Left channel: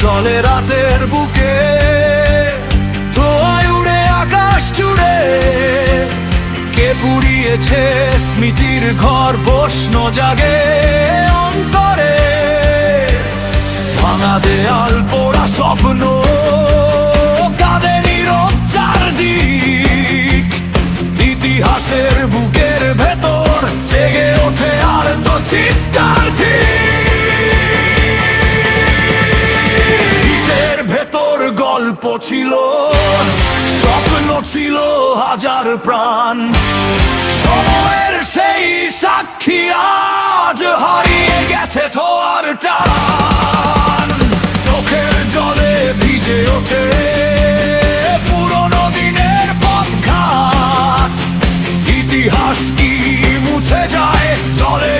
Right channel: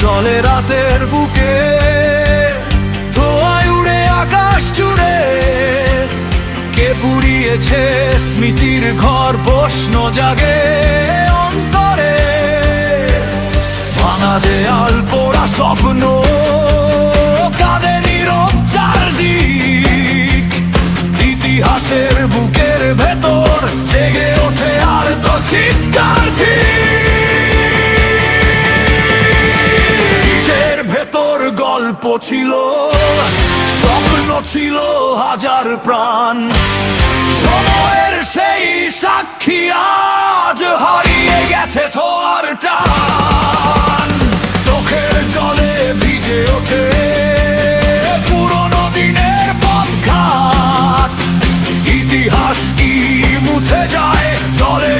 চলে রাতের বুকে, ধোঁয়ায় উড়ে আকাশ জুড়ে। কে পুড়িয়েছে স্মৃতির ঘর, প্রশ্ন জাগে অন্তরে। ভাঙা দেয়াল, পোড়া স্বপ্ন, কাঁদে নীরব চারদিক। ইতিহাসের বুকের ভেতর জেগে ওঠে আর তো চিৎকার ঠিক। ইটের ভেতর গল্প ছিল, স্বপ্ন ছিল হাজার প্রাণ। সময়ের সেই সাক্ষী আজ হারিয়ে গেছে থোয়ার টান। চোখের জলে ভিজে ওঠে পুরনো দিনের পথঘাট। ইতিহাস কি মুছে যায়, চলে